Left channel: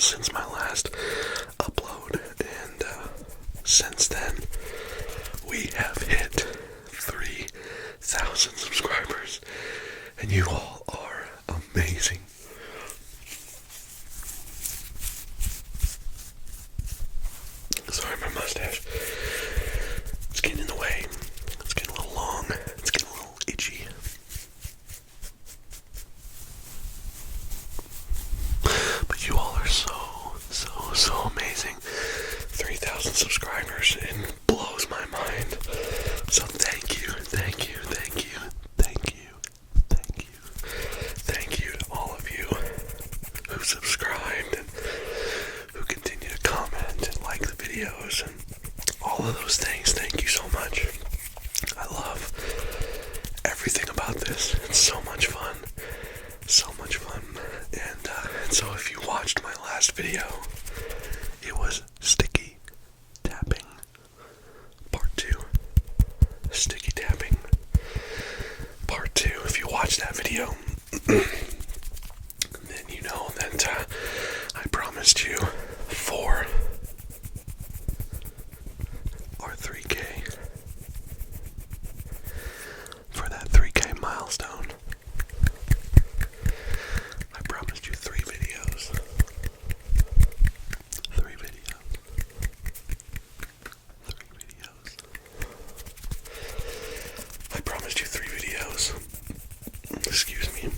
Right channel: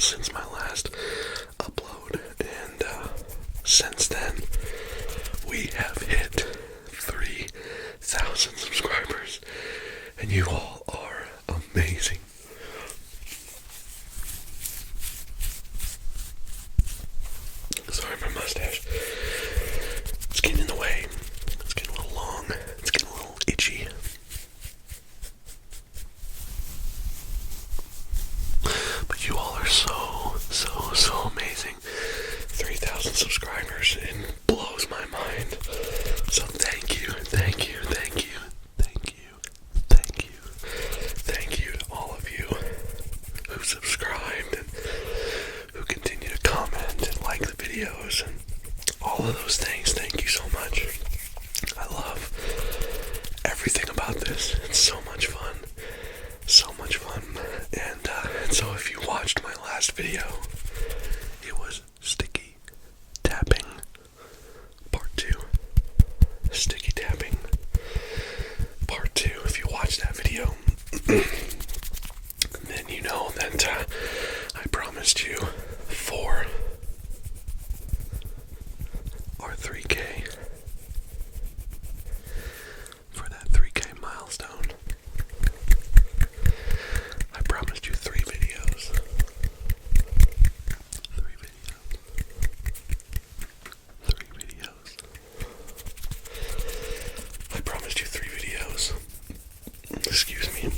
since my last upload, and since then we have hit 3,000 subscribers, and you all are amazing. Sorry, my mustache. It's getting in the way. It's getting a little long. It's getting a little itchy. But you all are so amazing. 3,000 subscribers. It blows my mind. So thank you to all of you who subscribed and who continue to comment and like the videos and all of those things. Thank you so much. I love everything about this. It's so much fun. And so if you watched my last video, it was sticky tapping part 2. Sticky tapping part 2. If you watched that video, then you know that I promised you 4 or 3K for that 3K milestone. I promised you 3 videos. 3 videos. 3 videos. I promised you 3 videos. Excuse me.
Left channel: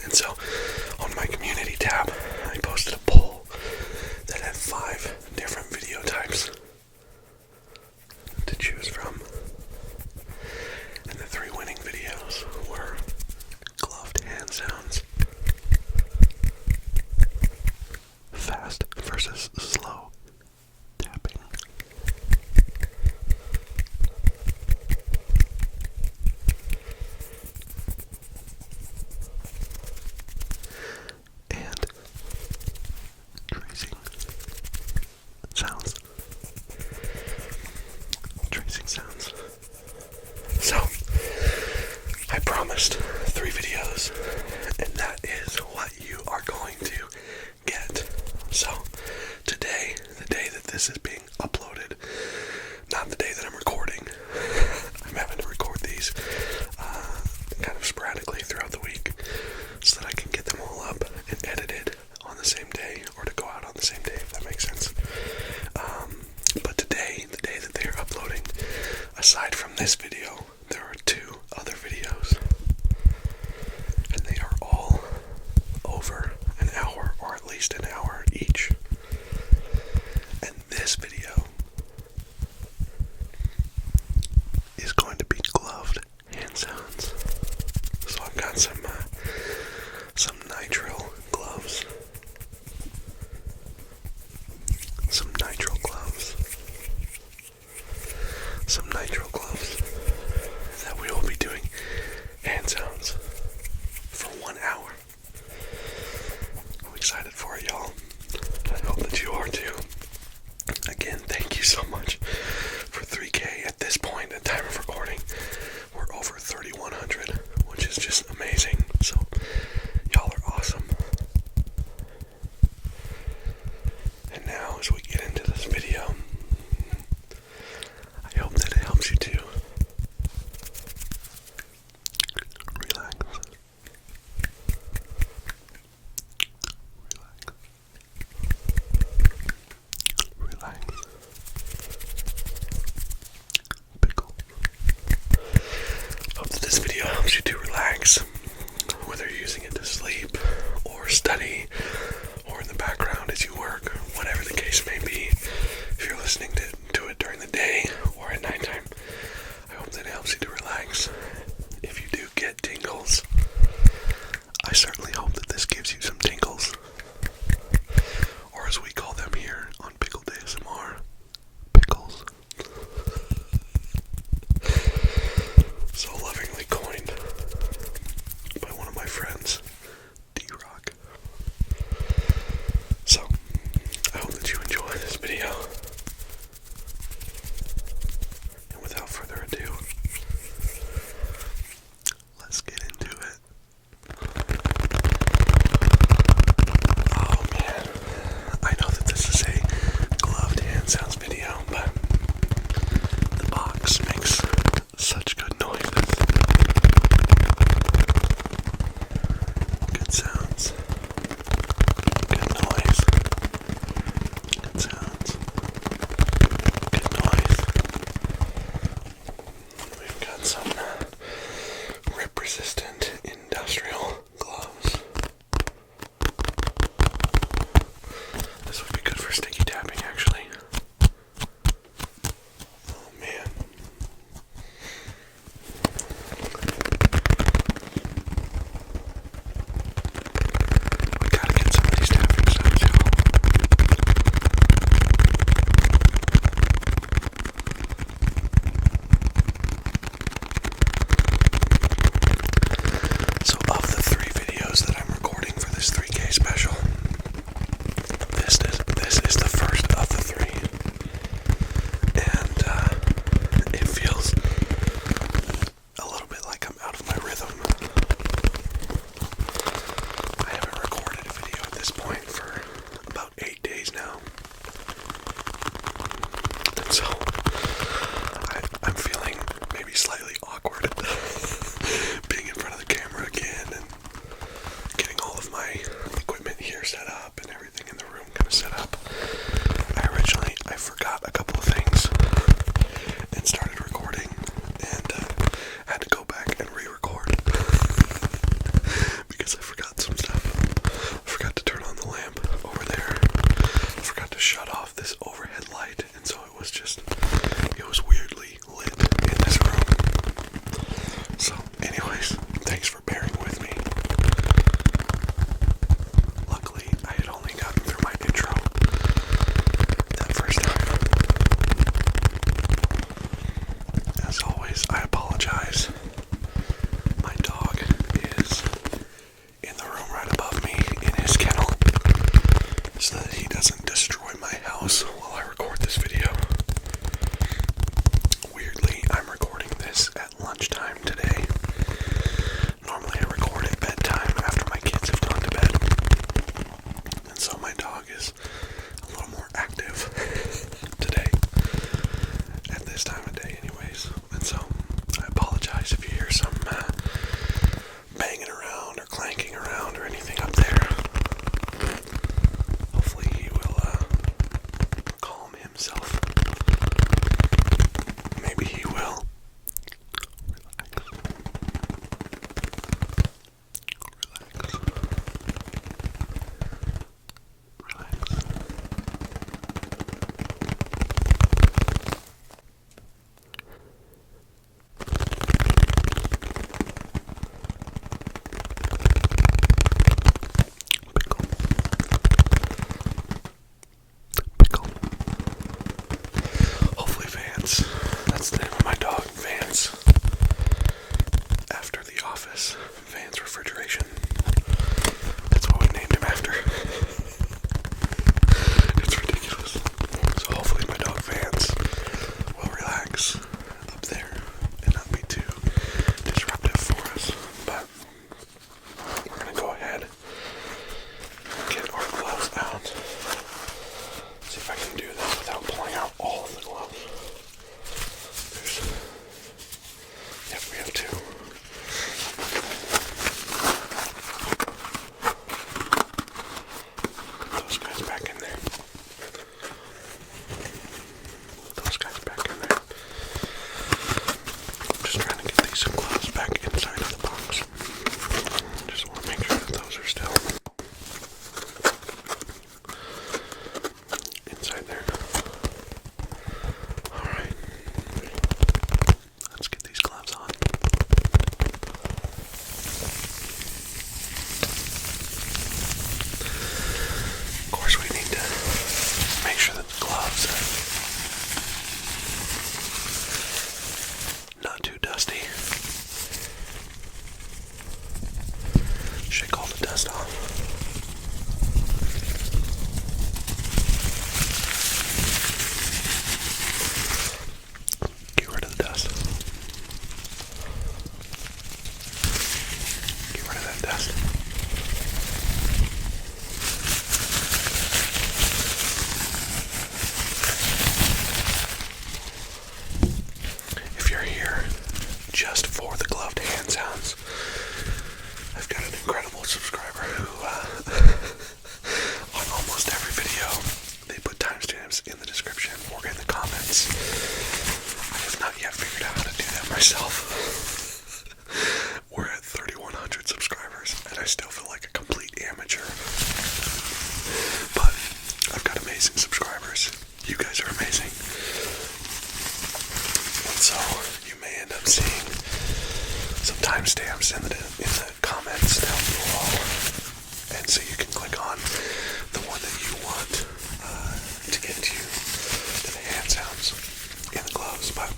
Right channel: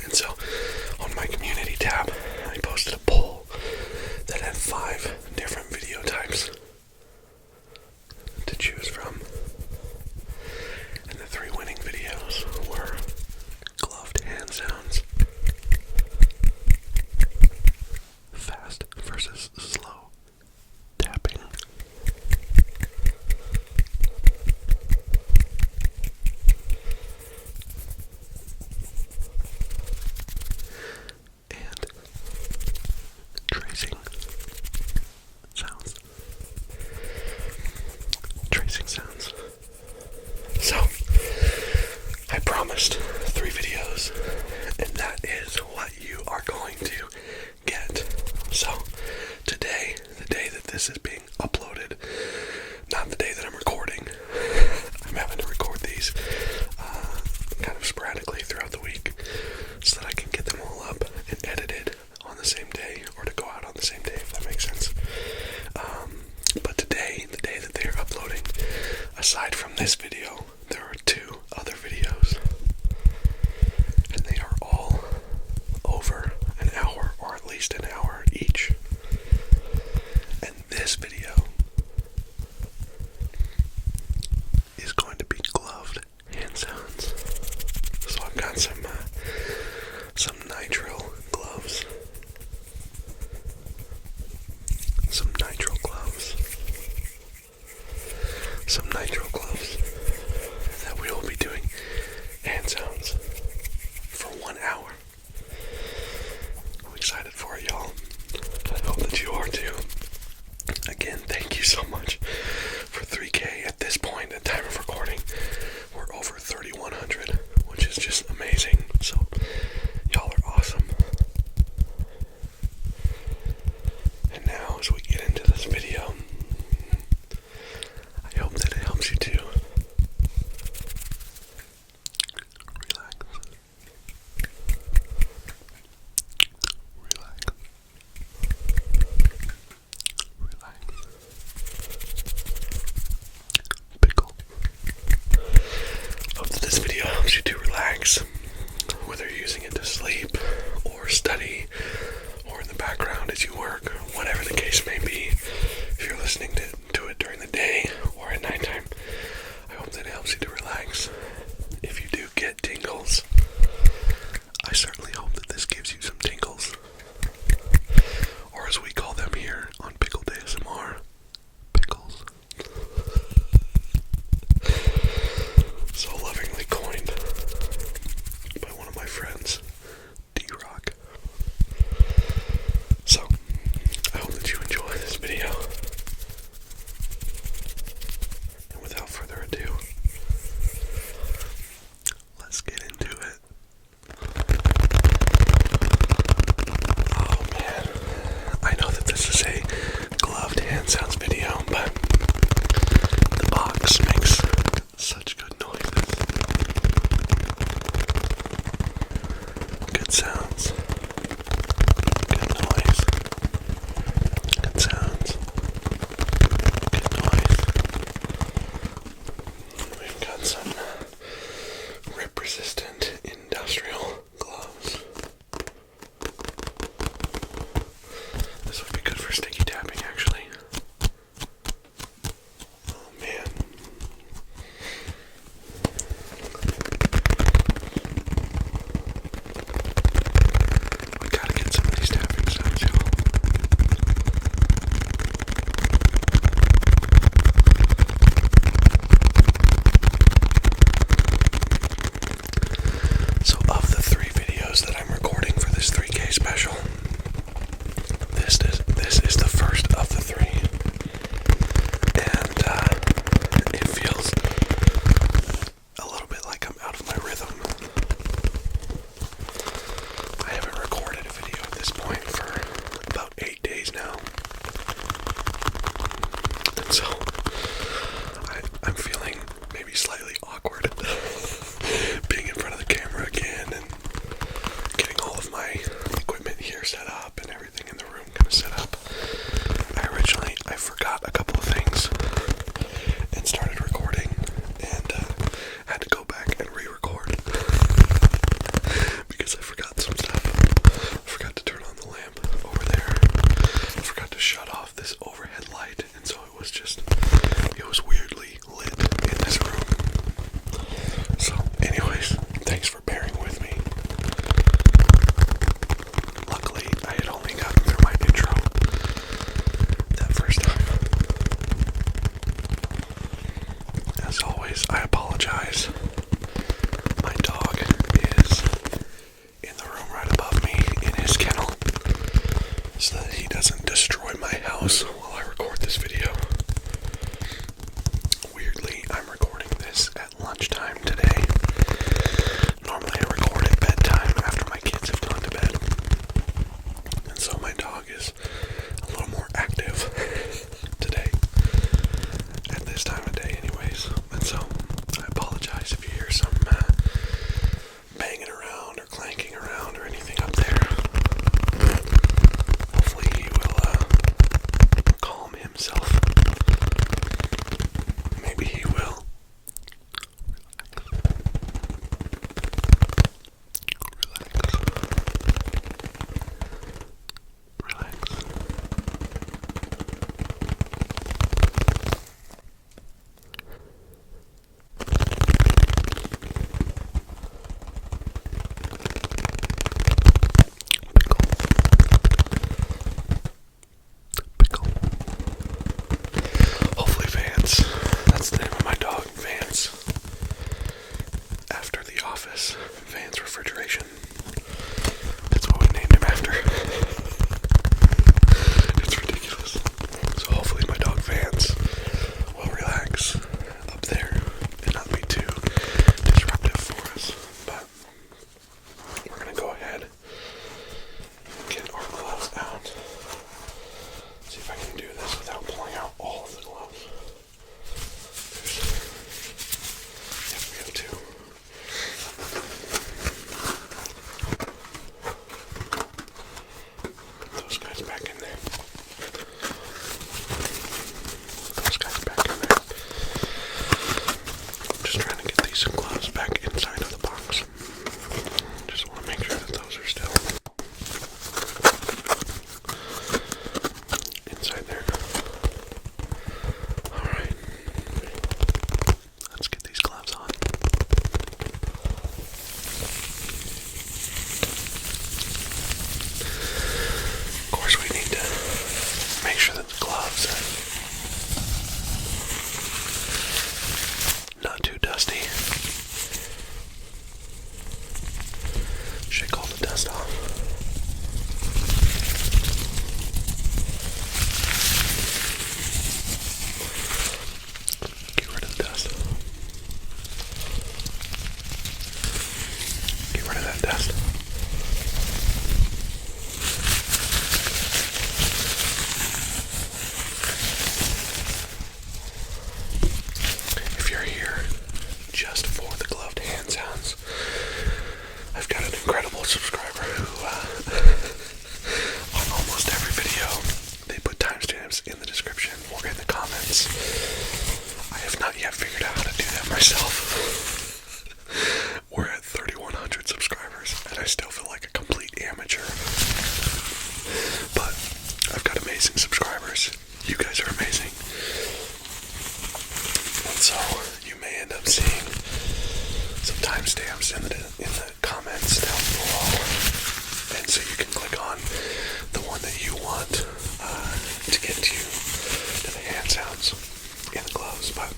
And so on my community tab, I posted a poll that had 5 different video types to choose from. And the 3 winning videos were gloved hand sounds, fast versus slow tapping, and tracing sounds. So, I promised 3 videos, and that is what you are going to get. So, today, the day that this is being uploaded, not the day that I'm recording. I'm having to record these kind of sporadically throughout the week so that I can get them all up and edited on the same day, or to go out on the same day, if that makes sense. But today, the day that they are uploading, aside from this video, there are 2 other videos, and they are all over an hour, or at least an hour each. And this video is going to be gloved hand sounds. So I've got some nitrile gloves. Some nitrile gloves that we will be doing hand sounds for 1 hour. I'm excited for it, y'all. I hope that you are too. Again, thank you so much for 3K. At this point, at time of recording, we're over 3,100, which is just amazing. So, y'all are awesome. And now, as we get into this video, I hope that it helps you to relax. Pickle. Hope that this video helps you to relax, whether you're using it to sleep or study or in the background as you work, whatever the case may be. If you're listening to it during the day or at nighttime, I hope that it helps you to relax. If you do get tingles, I certainly hope that this gives you some tingles, or as we call them here on PiCKLED ASMR, pickles. So lovingly coined by one of my friends, D-Rock. So, I hope that you enjoy this video. And without further ado, let's get into it. sounds. Good noise. Good sounds. Good noise. We've got some rip-resistant industrial gloves. This would be good for sticky tapping, actually. Oh, man. We gotta get some of these tapping sounds, y'all. So of the 3 videos that I'm recording for this 3K special, this is the first of the 3. And it feels a little bit like I'm out of my rhythm. I haven't recorded a video at this point for about 8 days now. And so I'm feeling maybe slightly awkward being in front of the camera again and getting all of my equipment here set up and everything in the room kind of set up. I forgot a couple of things and started recording and had to go back and re-record because I forgot some stuff. I forgot to turn on the lamp over there. I forgot to shut off this overhead light, and so it was weirdly lit in this room. So anyways, thanks for bearing with me. Luckily, I had only gotten through my intro that first time. As always, I apologize. My dog is in the room right above me in his kennel so that he doesn't destroy my house while I record this video. Weirdly, I'm recording this at lunchtime today. Normally I record at bedtime after my kids have gone to bed. And so my dog is a little more active today at this time of day anyways. And so I apologize if you hear some banging around or clanking around or anything up there. Hopefully he will you can click on the one that you want to get to the hand sounds in the gloves. But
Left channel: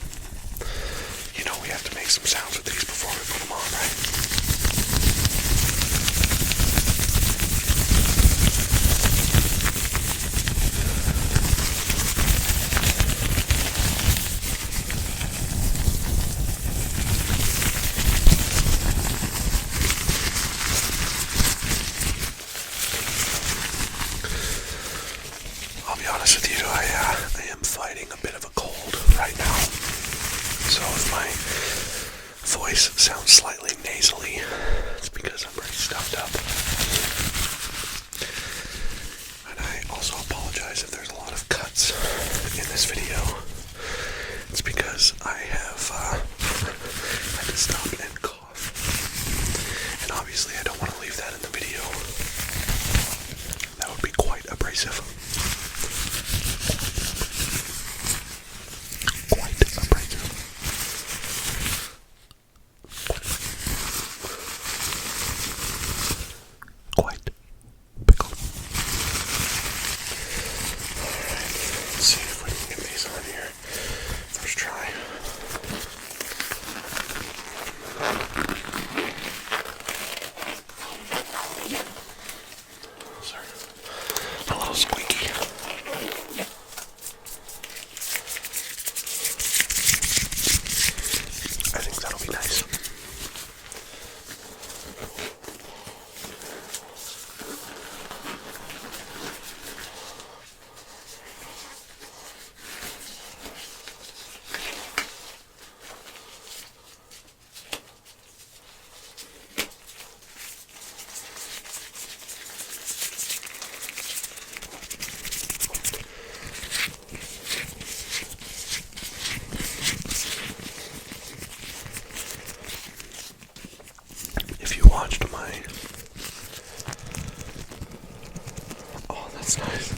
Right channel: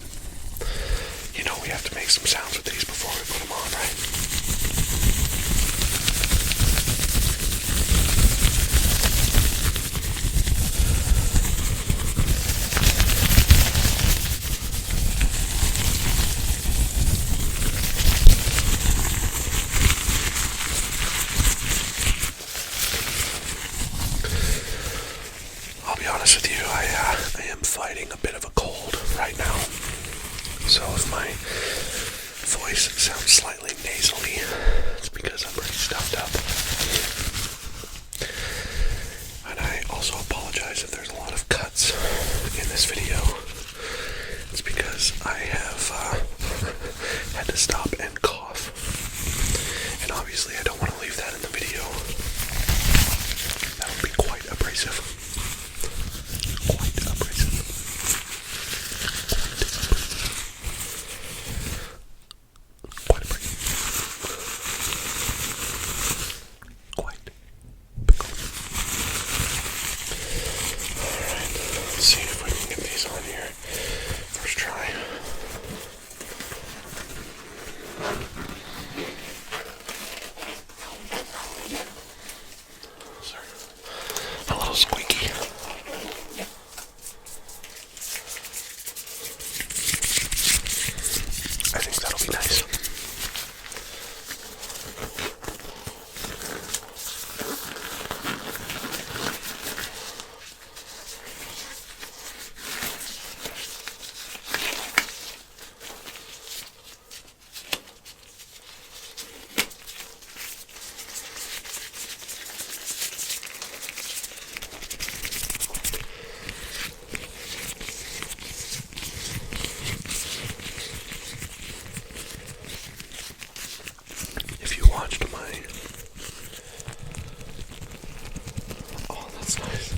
you know we have to make some sounds with these before we put them on, right? I'll be honest with you, I am fighting a bit of a cold right now. So if my voice sounds slightly nasally, it's because I'm pretty stuffed up. And I also apologize if there's a lot of cuts in this video. It's because I have had to stop and cough. And obviously I don't want to leave that in the video. That would be quite abrasive. Let's see if we can get these on here. First try. Sorry. A little squeaky. I think that'll be nice. Watched my that's nice.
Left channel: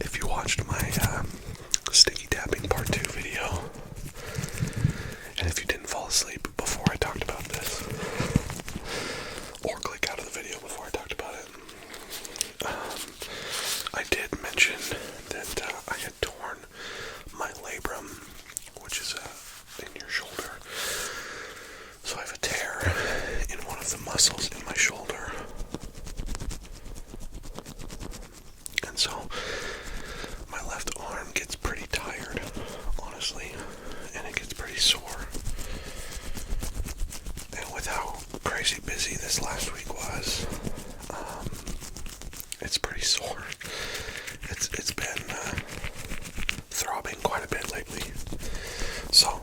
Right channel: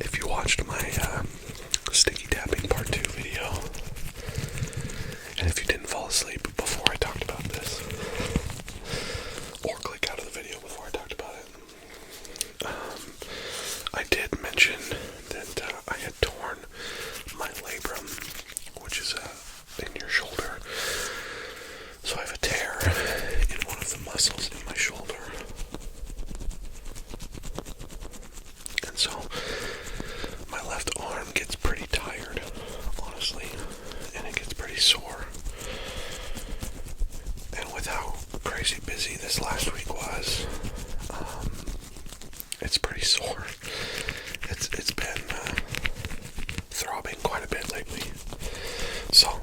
If you watched my sticky tapping part 2 video, and if you didn't fall asleep before I talked about this, or click out of the video before I talked about it, I did mention that I had torn my labrum, which is in your shoulder. So I have a tear in one of the muscles in my shoulder. And so my left arm gets pretty tired, honestly, and it gets pretty sore. And with how crazy busy this last week was, it's pretty sore. It's been throbbing quite a bit lately. So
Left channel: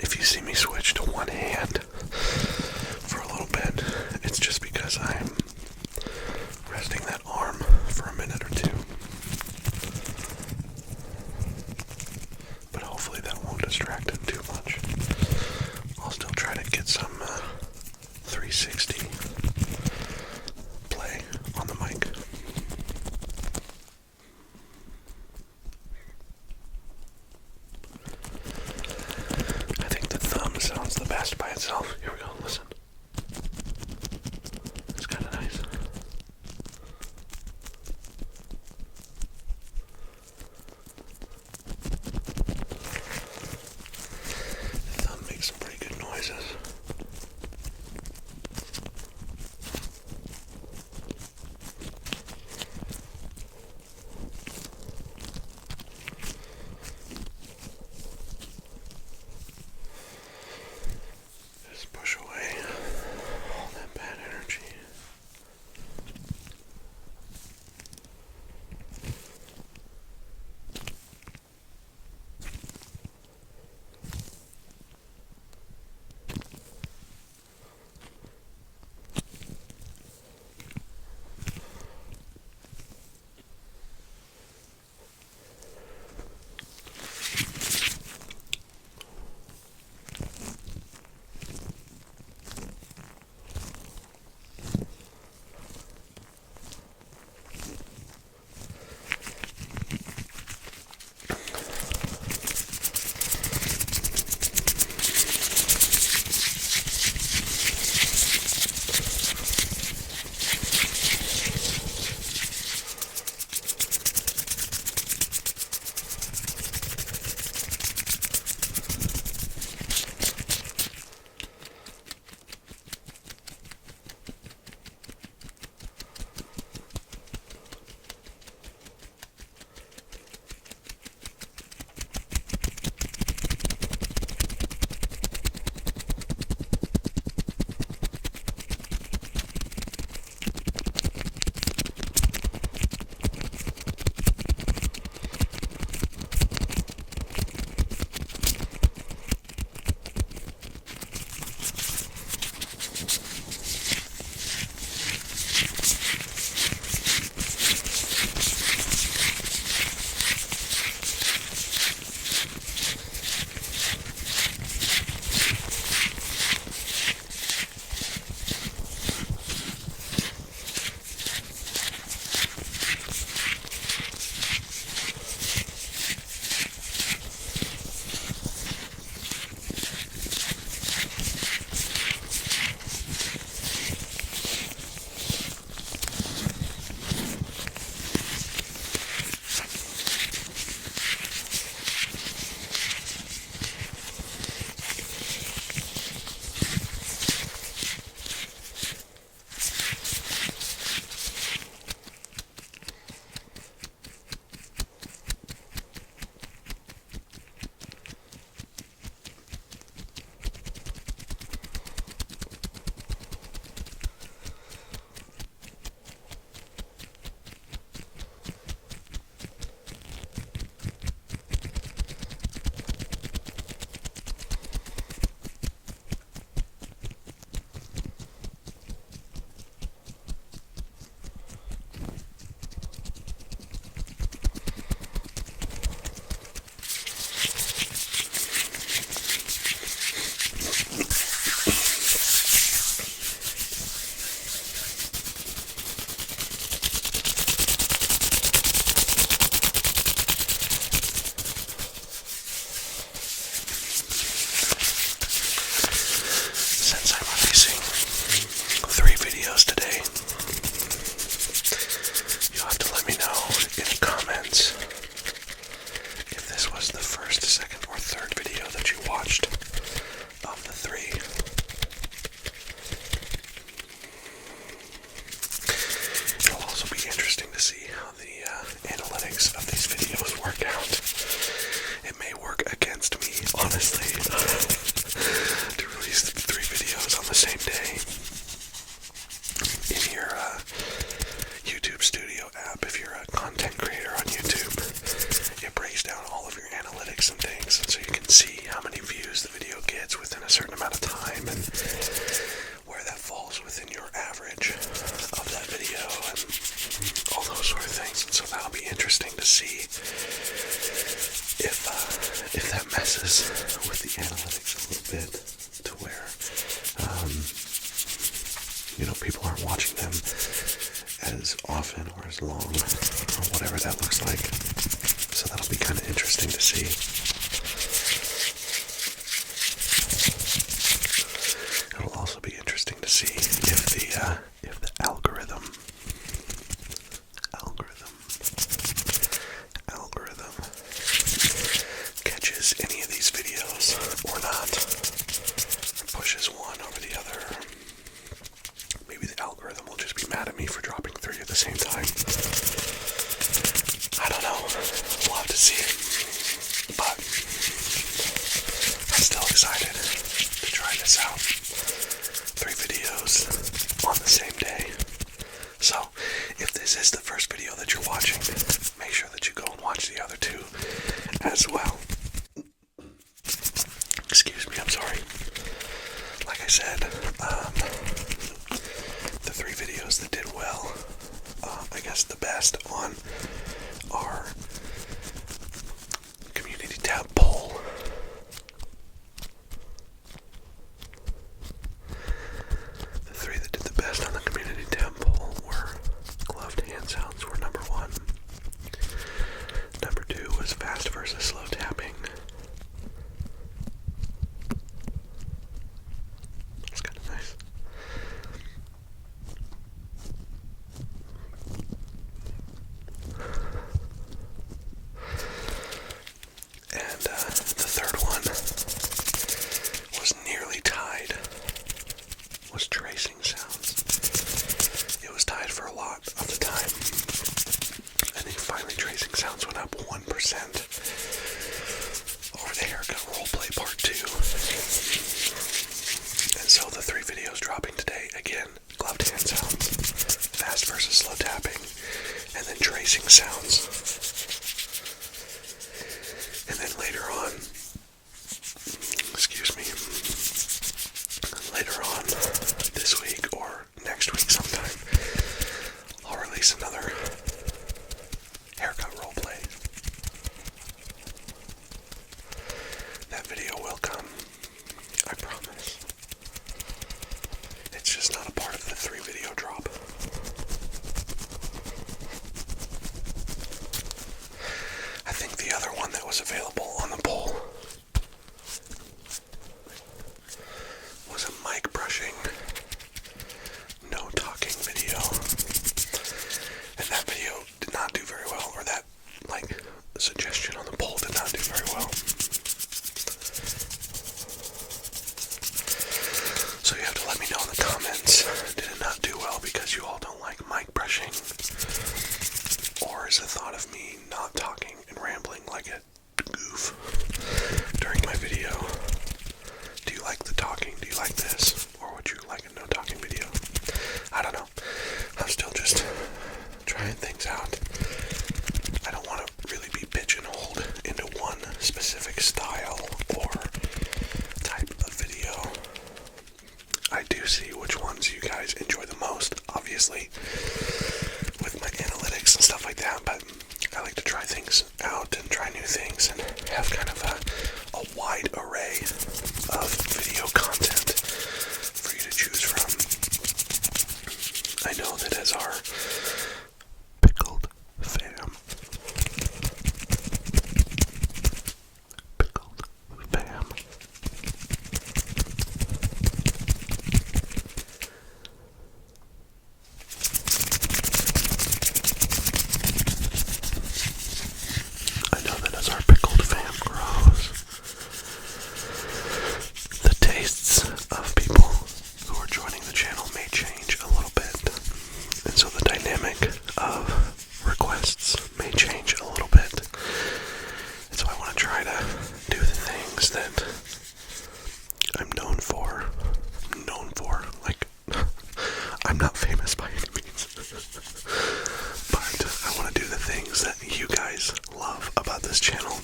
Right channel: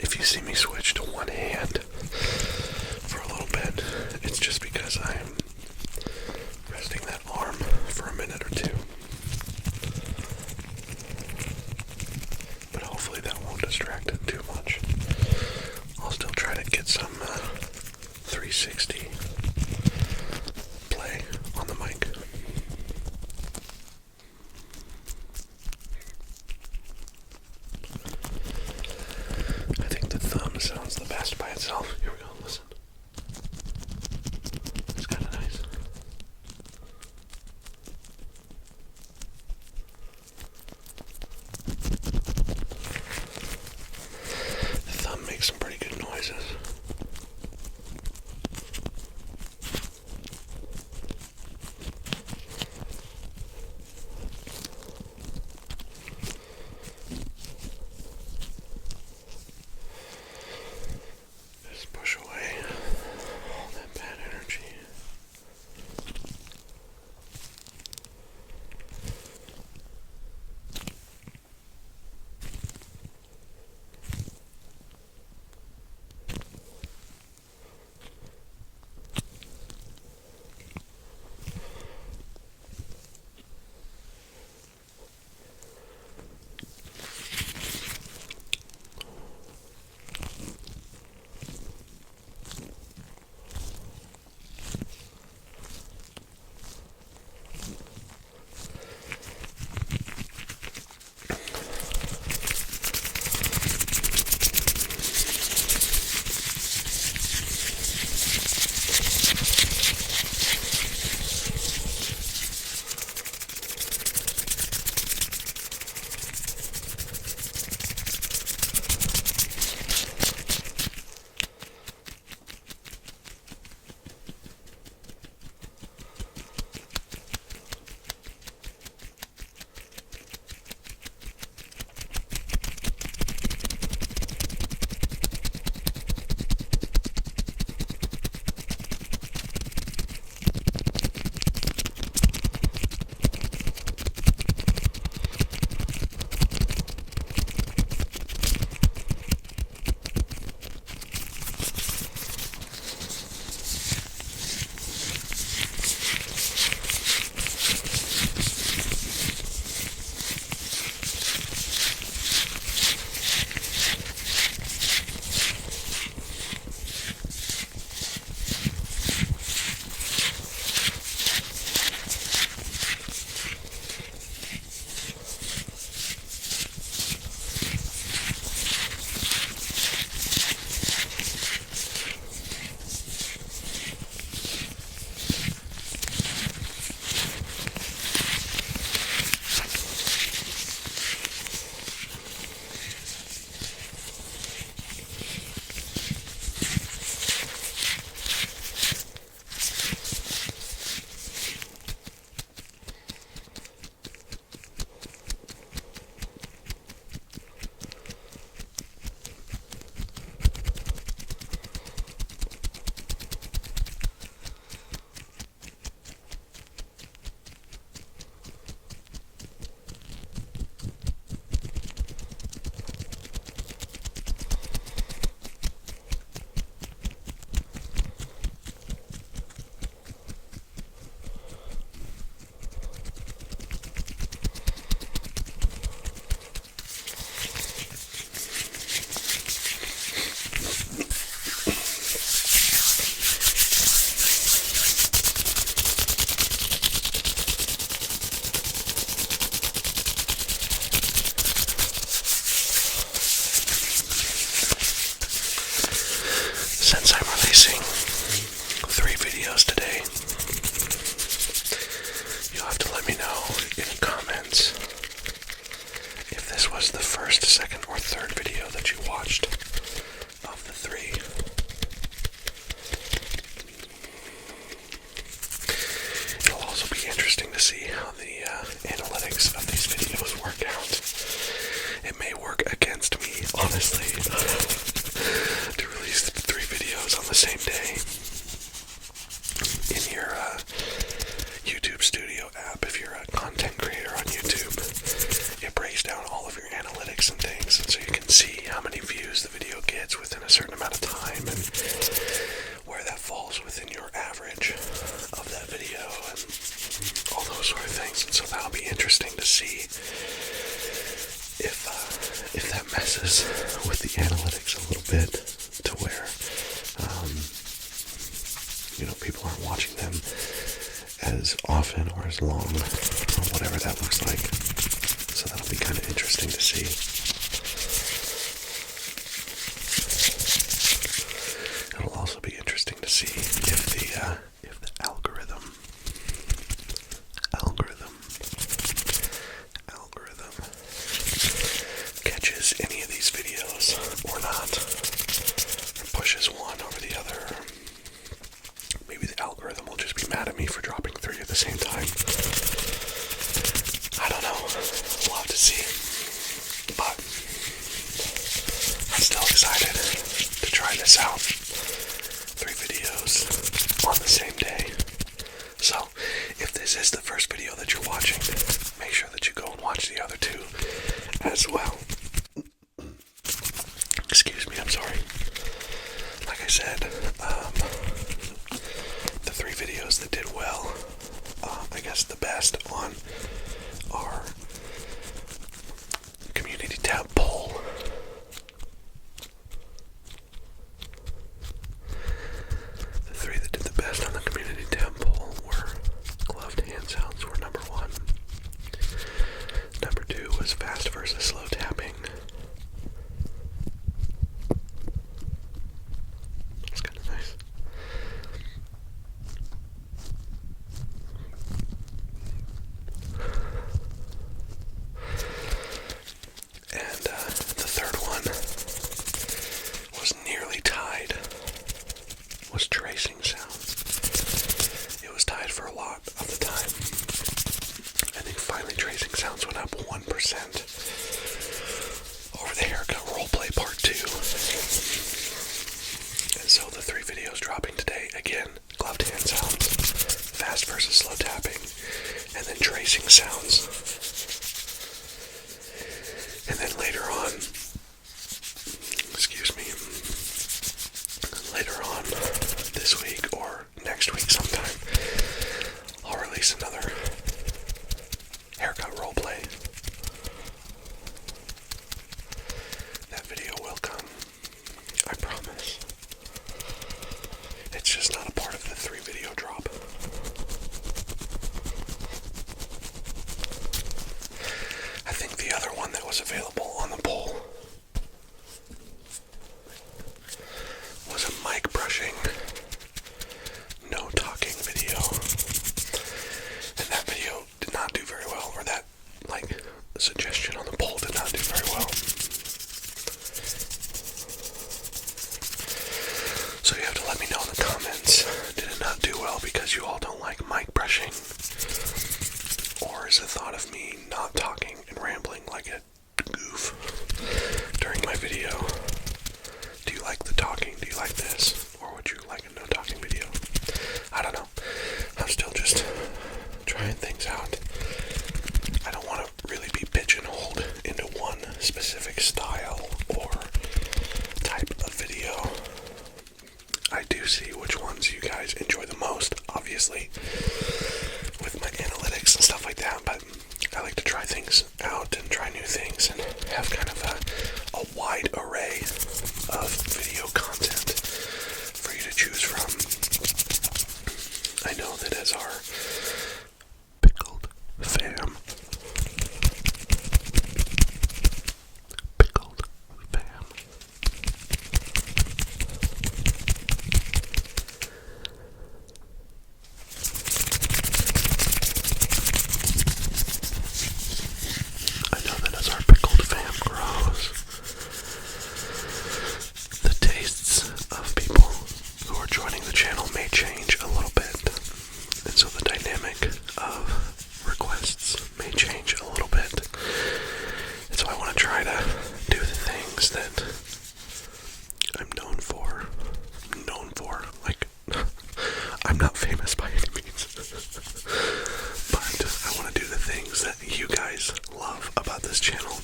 if you see me switch to one hand for a little bit, it's just because I'm resting that arm for a minute or two. But hopefully that won't distract it too much. I'll still try to get some 360 play on the mic. I think the thumb sounds the best by itself. Here we go, listen. It's kind of nice. see how the analytics of these videos work out. It may work against me, honestly, to release 3 videos on the same day in your YouTube Studio app. If you're a content creator on YouTube, it breaks down all of your analytics and things, and so you can see how many views the video gets within a certain amount of time and where that falls within your average of that video and all those sort of things. And so that'll be interesting to see if that messes with the analytics a little bit to where people aren't watching them as often or as long or whatever that looks like. So that'll be kind of interesting to see. It'll also be interesting to see if the algorithm catches any of these videos or not, or pushes one over the other. Maybe the algorithm will just be mad at me for dropping 3 at the same time. I don't know. We'll have to see. But I'm still excited to try this out. 3 videos on the same day. So, if this is the first video that you're watching, make sure that you go and watch the other 2 as well. Excuse me, I'm sorry. Like I said, the 3 videos that did well, I guess the best on our community tab poll. The 3 that did the best on the community tab poll were gloved hand sounds were number 1. Number 2 was fast versus slow tapping. That's kind of nice. And the third one was nearly tied, was tracing sounds. It was tied for a lot of the time. I think finally tracing sounds went up 1% over the haircut roleplay part 2. And so the 3 videos dropping today, again, gloved hand sounds, fast versus slow tapping, and then tracing sounds. And then later on, later on this week or next week sometime, I'll release another haircut roleplay. That video will come, I promise. It's just not a part of the 3 video drop. I think the other one that was available on the poll was a mic brushing, no talking video. And that video did not do very well, or that, suggestion on the poll did not do very well. So you have to let me know in the comments, did it not do well because you all don't like mic brushing? Or is the thought of me not talking and rambling like a goof during my video? Do you like the talking? Do you like this? Or would you like a no talking video? I don't know. I'm still just trying things out. I don't want to really be pigeonholed into one specific style or type of video. I do see which ones you guys enjoy the most, obviously, with my analytics and stuff like that, but I like to try things out and try new things and have kind of a wide array of video content for you to choose from. I know that as our PiCKLED fam, this channel.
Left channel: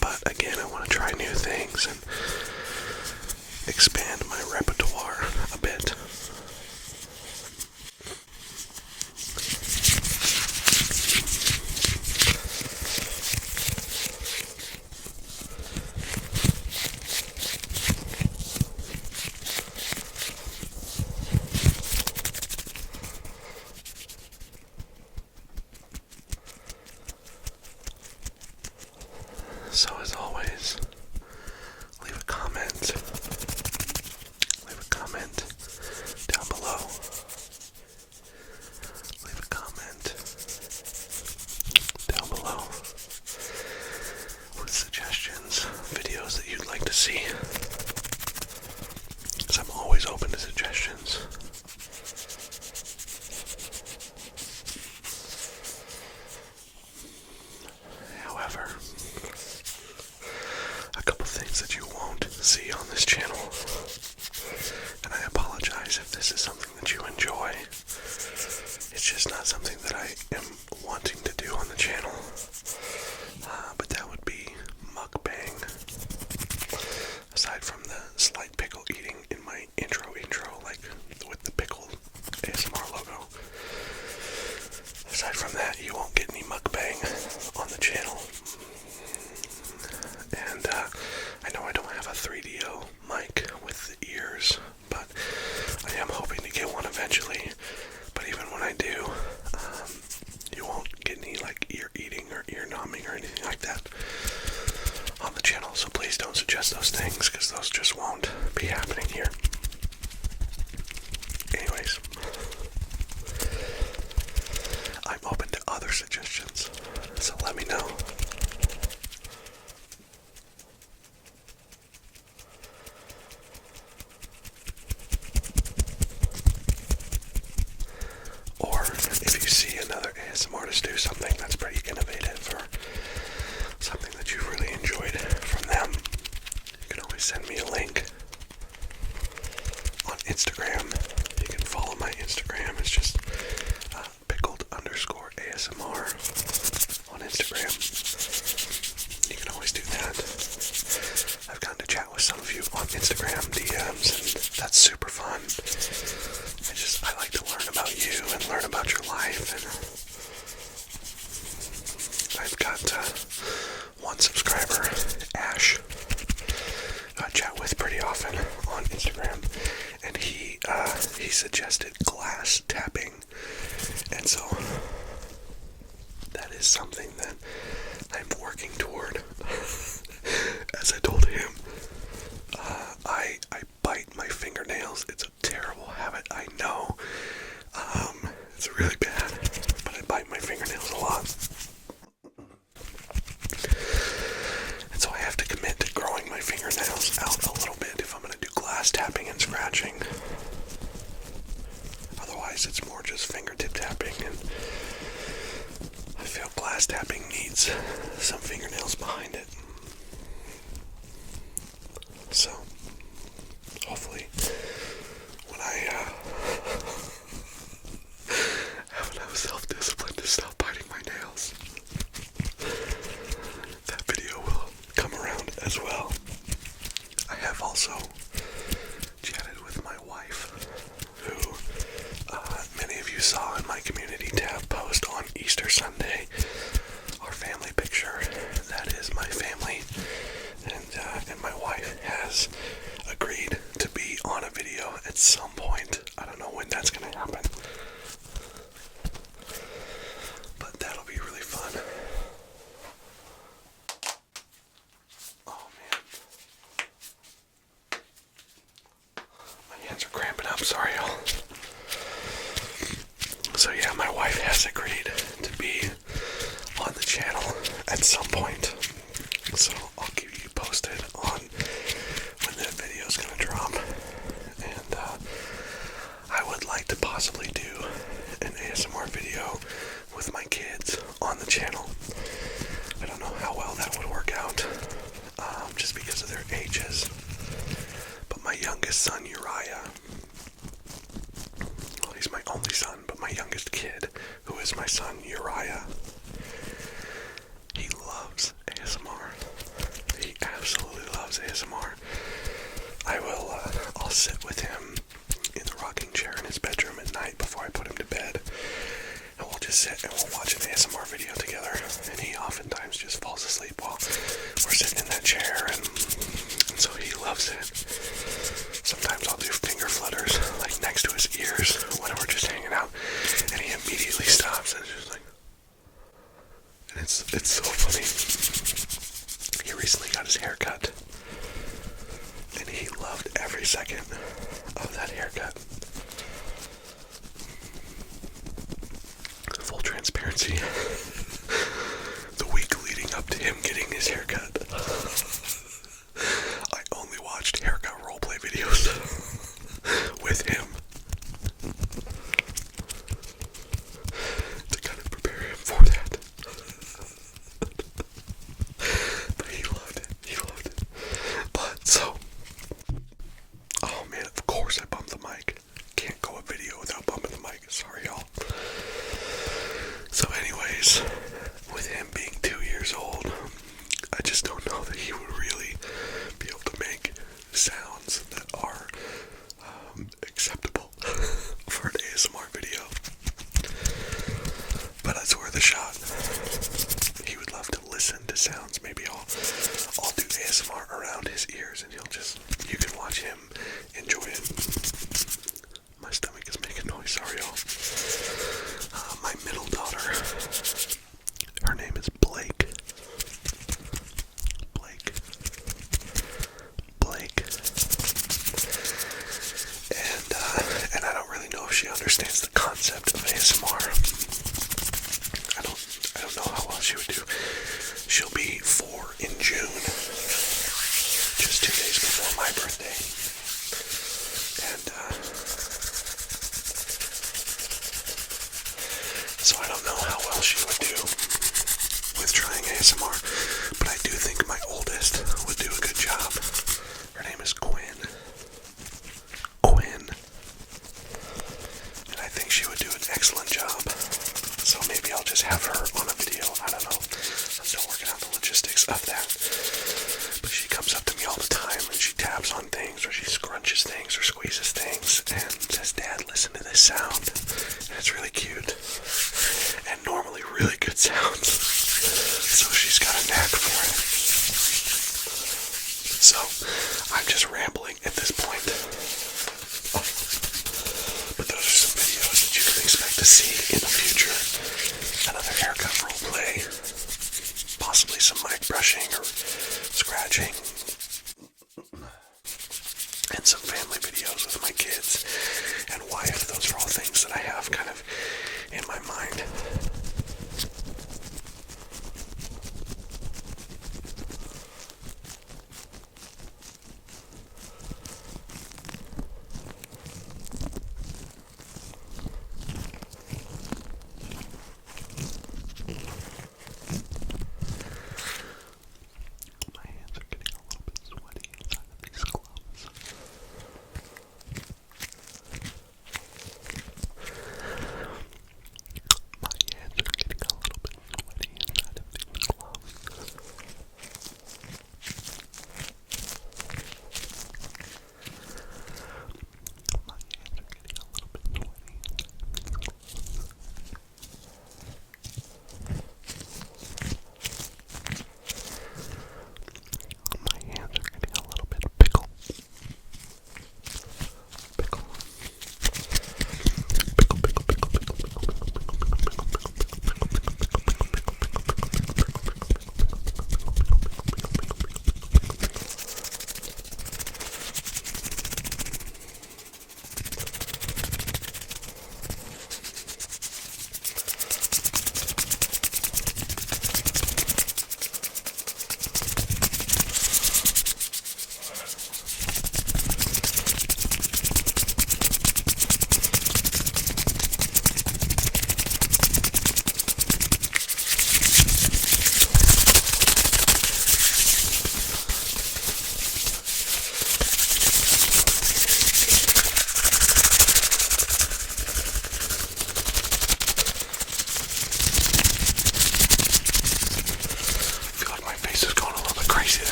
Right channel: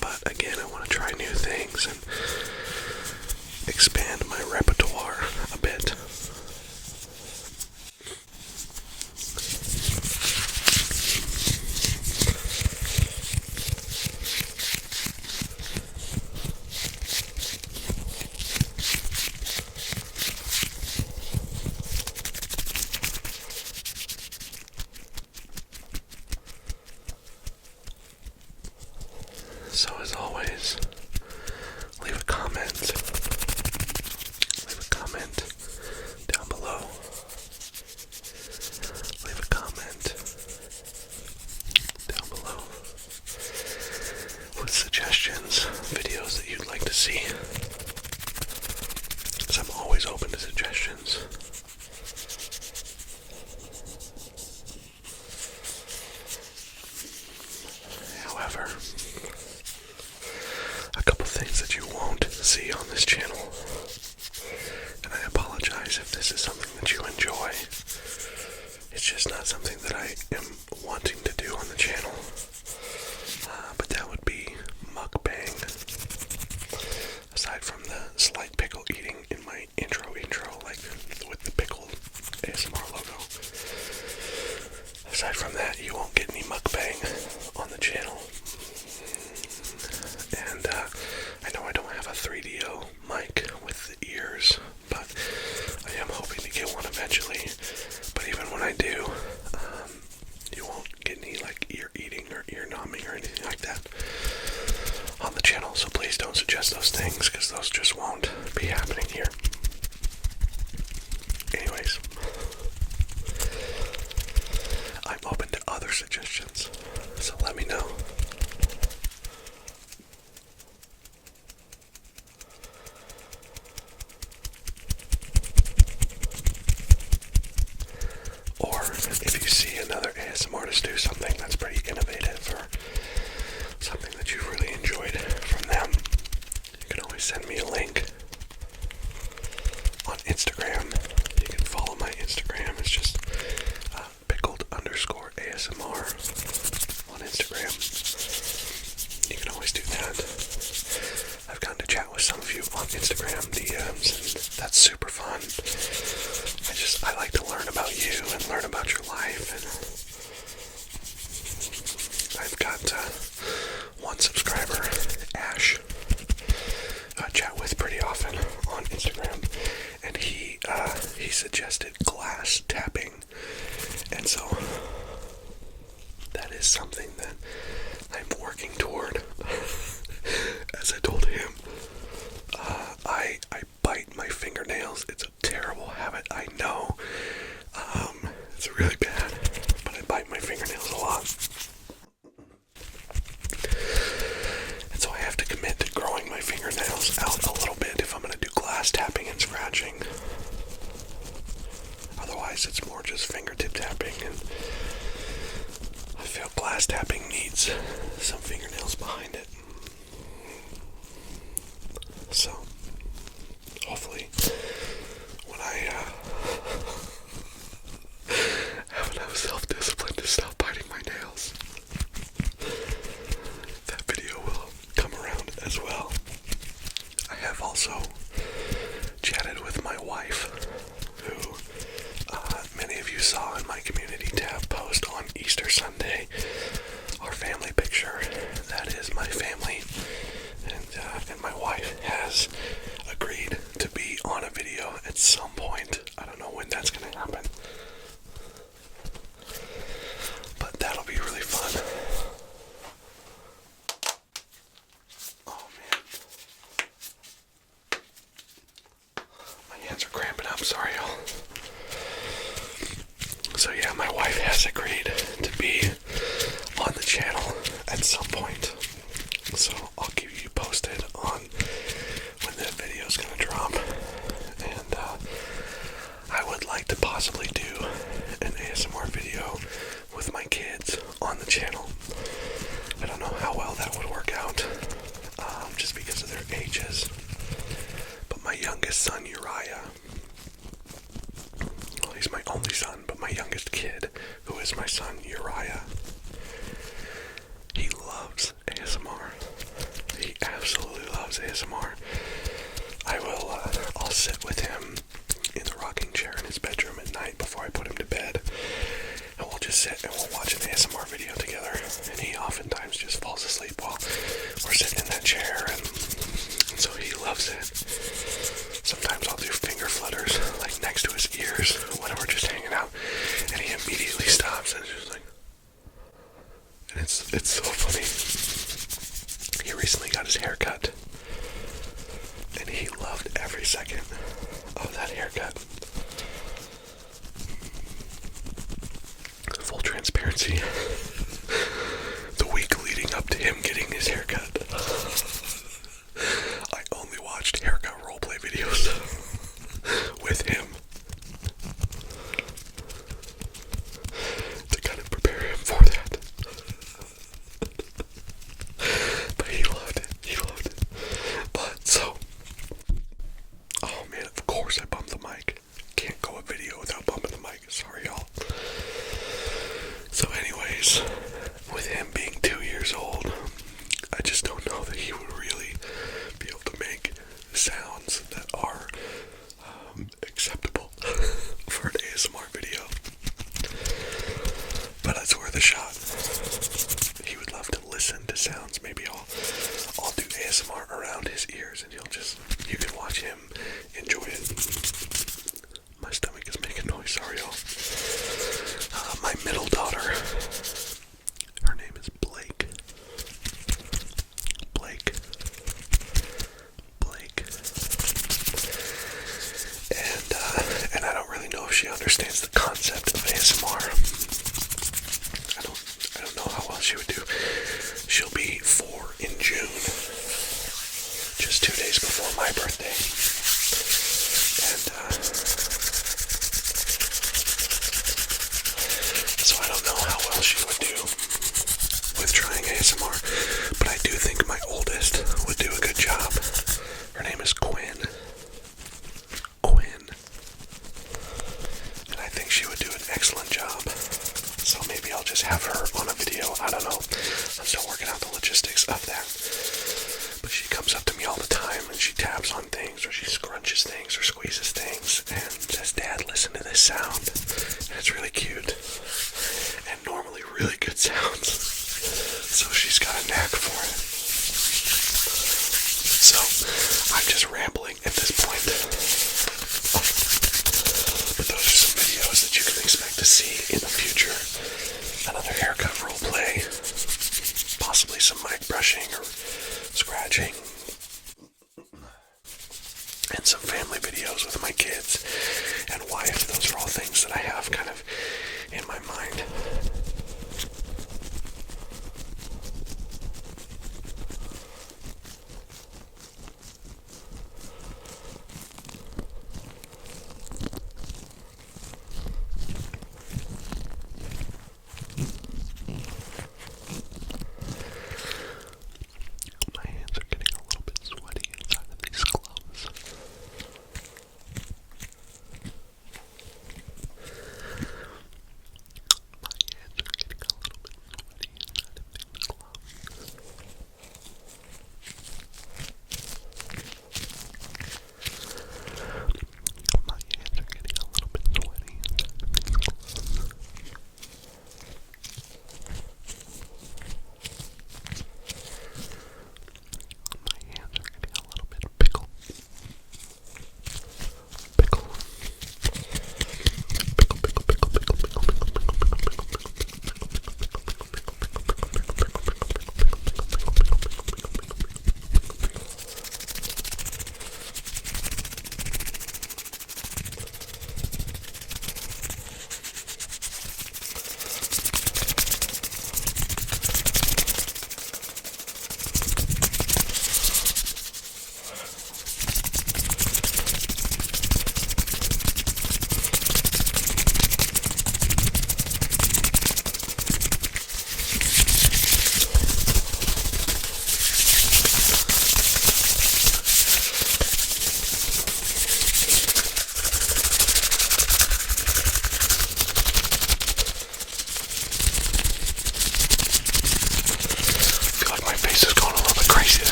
But again, I want to try new things and expand my repertoire a bit. So as always, leave a comment down below. Leave a comment down below with suggestions, videos that you'd like to see, because I'm always open to suggestions. However, a couple things that you won't see on this channel, and I apologize if this is something that you enjoy. It's just not something that I am wanting to do on the channel, but that would be mukbang. Aside from the slight pickle eating in my intro, like with the PiCKLED ASMR logo. Aside from that, you won't get any mukbang on the channel. And I know I don't have a 3DO mic with the ears, but I am hoping to get one eventually. But even when I do, you won't get any like ear eating or ear numbing or anything like that on the channel. So please don't suggest those things, because those just won't be happening here. Anyways, I'm open to other suggestions, so let me know. Or if you see another ASMR artist do something that's pretty innovative, or something that you've really enjoyed from them, you can always send me a link on Instagram. You can follow my Instagram. It's just PiCKLED_ASMR on Instagram. You can always do that. I've gotten to chat with some of you on Instagram DMs, and that's super fun. I like to learn about you and learn about your life, and I've got one subscriber, Ash, I chat with pretty often on Instagram, and he suggested glass tapping, and so that is something that I'm working toward. As I told him, I bite my fingernails. It's a terrible habit, I know. It's really bad, but I bite my fingernails a lot. And so I have to commit to growing my fingernails out a little bit if I'm going to do glass tapping and scratching. Otherwise, it's more just fingertip tapping, and I feel glass tapping needs some fingernails behind it. So, hopefully, when I have enough self-discipline to stop biting my nails, that video will come around as well. I have also chatted with my wife, who many of you saw in my community tab post on Easter Sunday, our family picture. That is my family, and my wife has agreed to be on a video at some point. I don't know when that's going to happen, but that'll be really fun. Oh man, my hands are cramping up, sorry y'all. So yeah, my wife has agreed to be on the channel at some point, so I'll keep you posted on when that video's gonna drop. And I would like to possibly do an ASMR video with my kids on the channel. I don't know how well that would work out, just because of their ages. But my youngest son, Uriah, well, he's my only son, but my youngest kid, who is my son, Uriah, he loves ASMR, I'll sit with him in the rocking chair in his bedroom at night before I put him to bed, and we'll just sit and we'll watch an ASMR video together, and he oftentimes just falls asleep while we're sitting in that chair, and so he loves it. Sometimes I'll do finger flutters, like next to his ears when we're just hanging out, and he immediately stops and is just like, and it's so funny. He recently got his hair cut, and he loved every second of that haircut. Full transparency, the week leading up to him getting his haircut, I only watched haircut roleplay videos with him to kind of prepare him for that. But he loved it. But so, oh man, of course I bumped the mic. Can't go a video without bumping the mic. Sorry, y'all. So anyways, with him being 2 years old, I just don't know that he would really be able to make sounds that are acceptable for an ASMR video. But that's worth a shot. He would love to listen to sounds. Maybe I'll do ASMR around his ears, and you can watch him enjoy it. My stomach is making noise, sorry y'all. My middle daughter, her name is Blake. And I don't really know if she understands the concept of ASMR. I don't know how well she would do. She'll be 4 in June, just 2 days before my birthday. And so I don't know how well she would do with trying ASMR, but I do think my oldest would do a good job. Her name is Quinn. And I think she would do an excellent job. So maybe I'll just have her on a video. I don't know. I'm still working out the logistics of that. But she comes up to me all the time and she taps on things, or she scrunches things or squeezes things and says, "Dad, listen to this sound." And it's really cute. And normally really good sounds. So she's got a knack for it. So I'm just rambling at this point. But those are some videos that you can expect to see in the future. Another haircut roleplay, possibly some mic brushing or scratching, and some family videos with my kids and wife. Those are all things that I have kind of in my mind.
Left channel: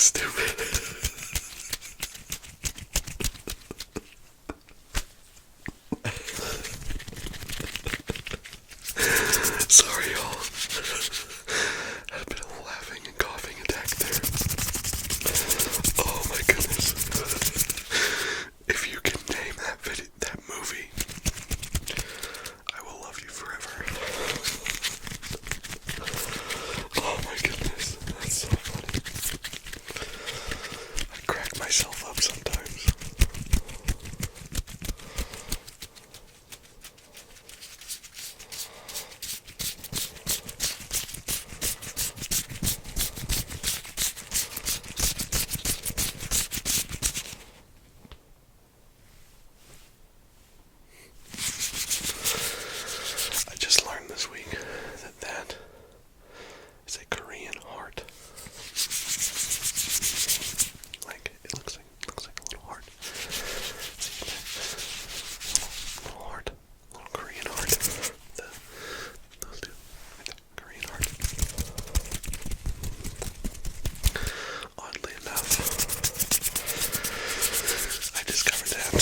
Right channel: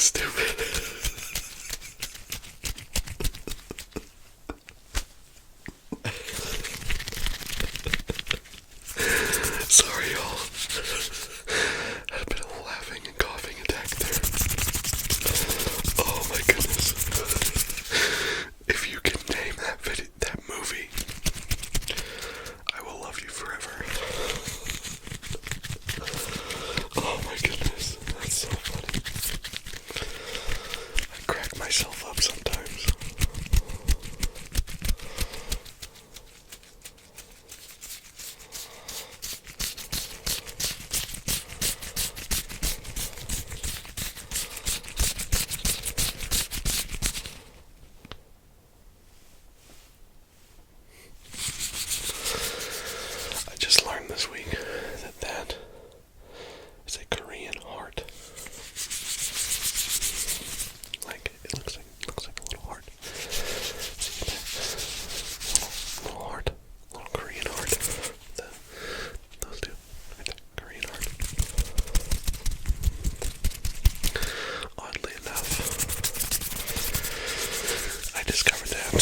stupid. Sorry, y'all. Had a bit of a laughing and coughing attack there. Oh my goodness. If you can name that movie, I will love you forever. Oh my goodness, that's so funny. I crack myself up sometimes. I just learned this week that is a Korean heart. Like it looks like a little heart. See that? Little heart, little Korean heart. Those two, right there, Korean heart. Oddly enough, I discovered that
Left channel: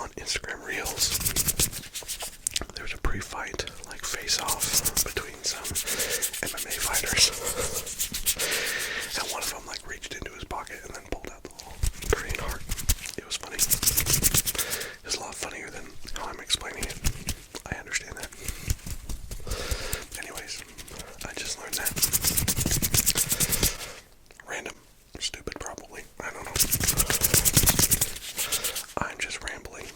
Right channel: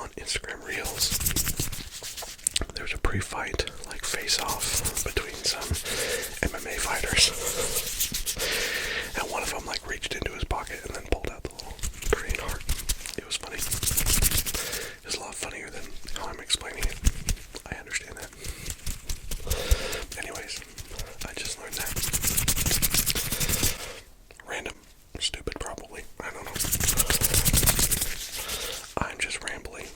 on Instagram Reels. There's a pre-fight, like face-off between some MMA fighters. And one of them like reached into his pocket and then pulled out the little Korean heart. It was funny. It was a lot funnier than how I'm explaining it. I understand that. Anyways, I just learned that. Random. Stupid probably. I don't know. I'm just rambling.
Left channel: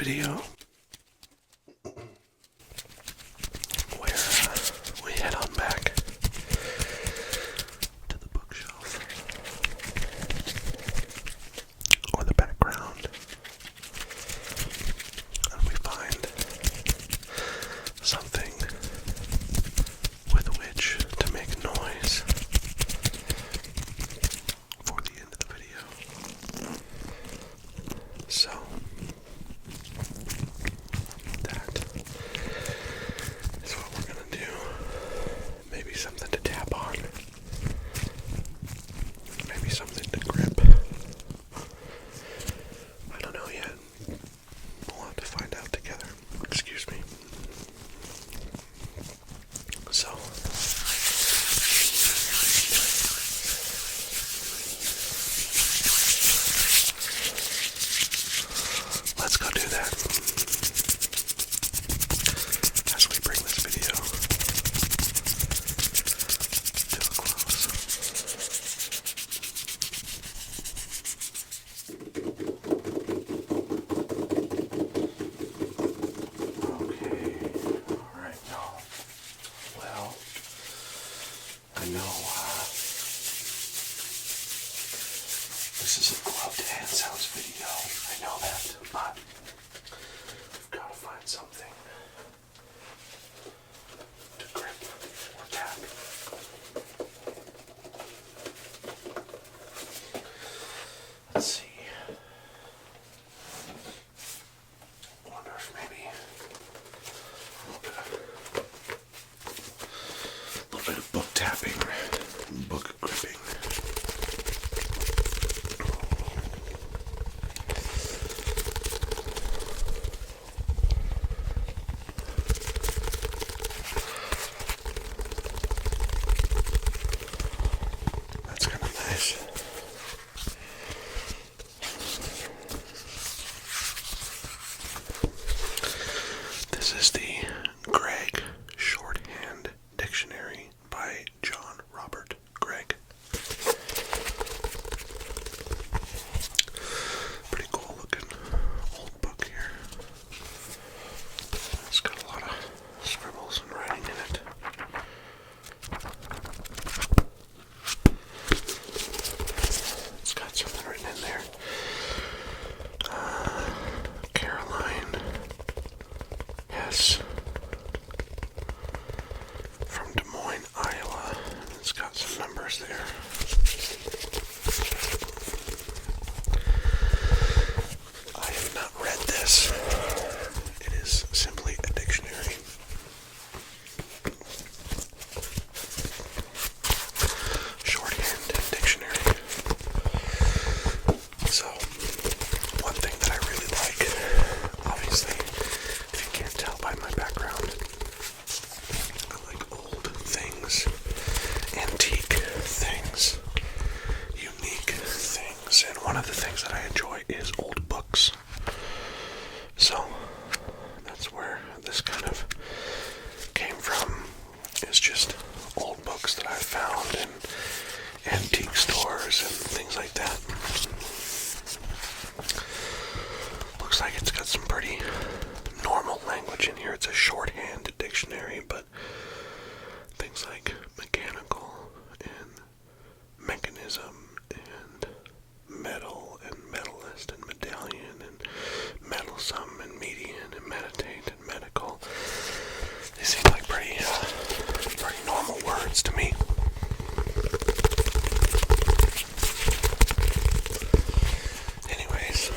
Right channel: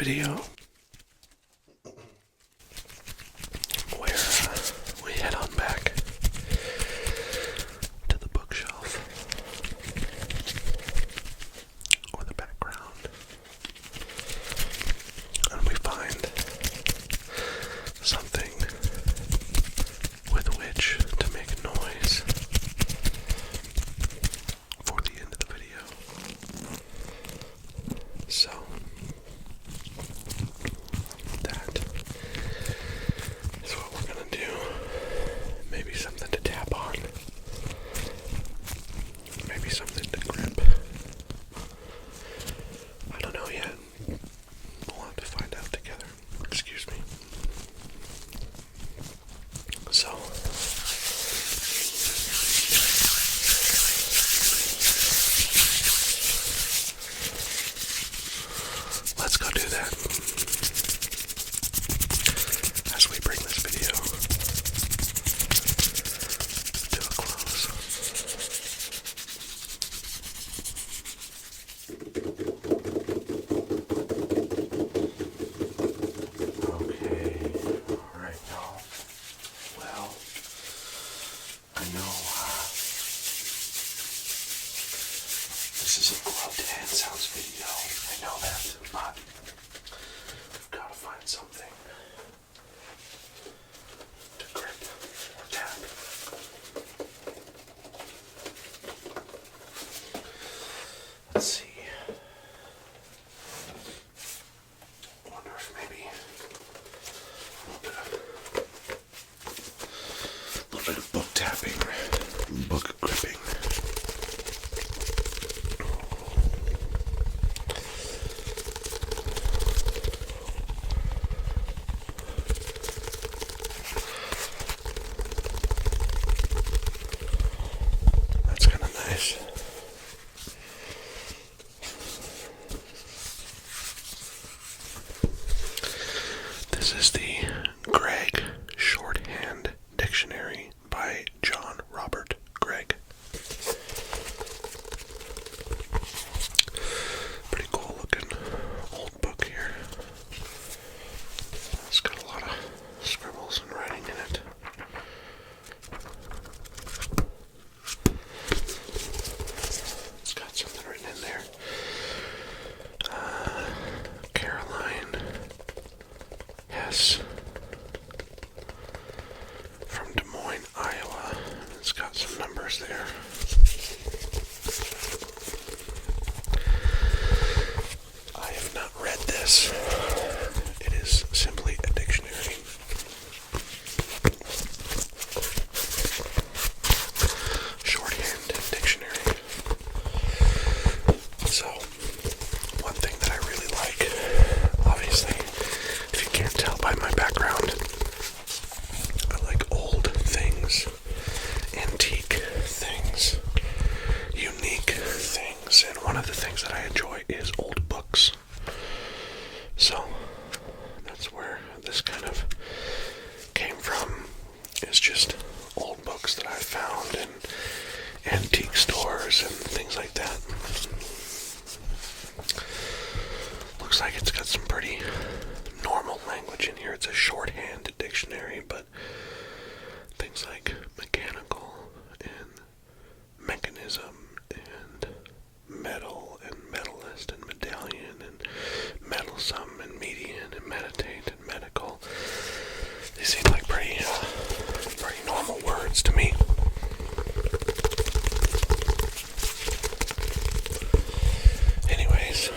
video where we head on back to the bookshelf or the background, and we find something with which to make noise for the end of the video. So that is what we're gonna do. Maybe something to tap on. Maybe something to grip. I don't know yet. We'll have to find out together. Excuse me. So let's go do that as we bring this video to a close. Okay, alright, y'all. Well, I know this is a gloved hand sounds video. I know that, but we've got to find something to grip or tap. Let's see. I wonder if maybe a little bit of book tapping, book gripping. That's kind of nice. This is the Gregg Shorthand Dictionary by John Robert Gregg. Pretty cool looking old book here. It's got a lot of scribbles and writing in it. It's got something written in there. Caroline Hess from Des Moines, Iowa. It's got some numbers there. I have not read this. It is simply a dictionary. Shorthand dictionary. So, one thing that I really like, obviously, if you can't tell by my background, I like old things, antique things, unique things, and one of the things that I enjoy is old books. So, that's where this kind of came from, is just old books that I found in antique stores and things like that. Looks like it's got some pretty normal language in here. It's a shorthand dictionary, but things like mechanical and mechanism and metal and metallist and medallion and meddlesome and median and meditate and medical, they seem like pretty normal words to me. Anyways,